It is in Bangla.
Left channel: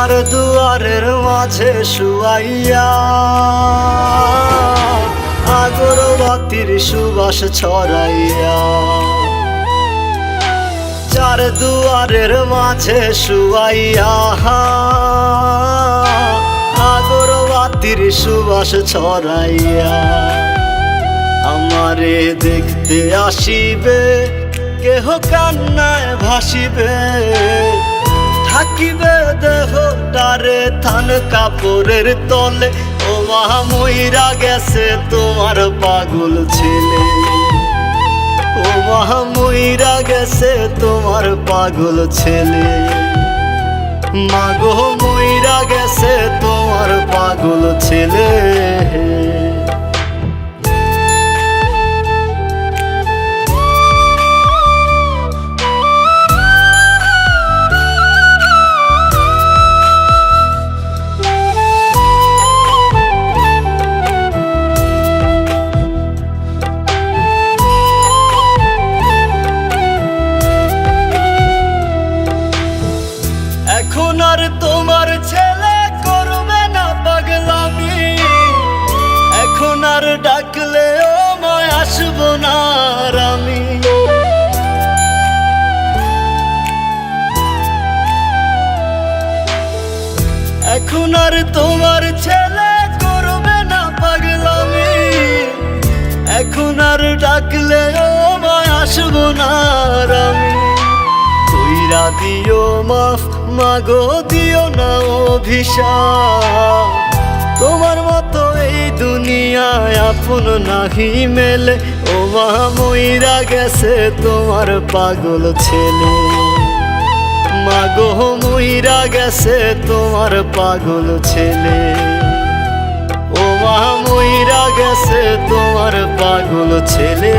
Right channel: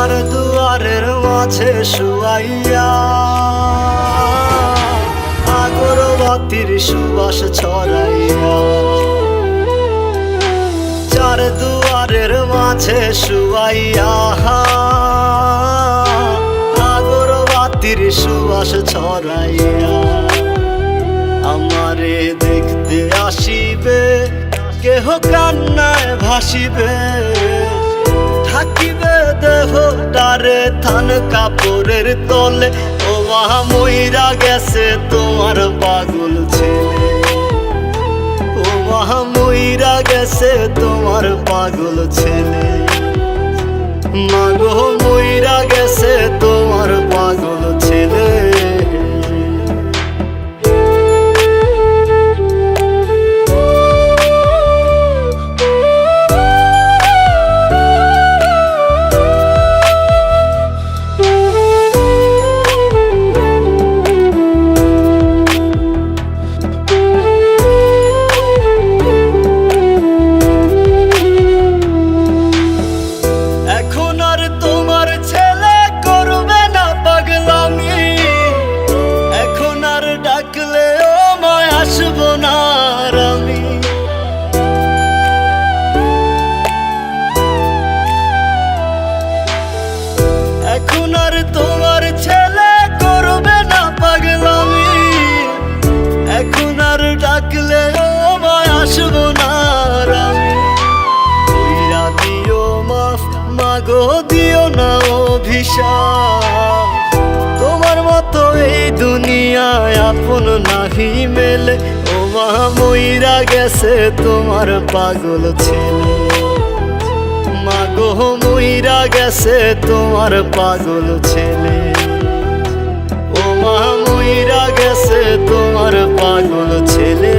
চার দুয়ারের মাঝে শুয়াইয়া আগরবাতির সুবাস ছড়াইয়া, চার দুয়ারের মাঝে শুয়াইয়া আগরবাতির সুবাস ছড়াইয়া, আমারে দেখতে আসিবে কেহ কান্নায় ভাসিবে, থাকিবে দেহটারে থান কাপড়ের তলে। ও মা মইরা গেছে তোমার পাগল ছেলে, ও মা মইরা গেছে তোমার পাগল ছেলে, মাগো মইরা গেছে তোমার পাগল ছেলে। এখন আর তোমার ছেলে করবে না পাগলামি, এখন আর ডাকলেও মায় আসবো না আর আমি। এখন আর তোমার ছেলে করবে না পাগলামি, এখন আর ডাকলেও মায় আসবো না আর আমি। কইরা দিও মাফ মাগো, দিও না অভিশাপ, তোমার মতো এই দুনিয়ায় আপন নাহি মেলে। ও মা মইরা গেছে তোমার পাগল ছেলে, মাগো মইরা গেছে তোমার পাগল ছেলে, ও মা মইরা গেছে তোমার পাগল ছেলে।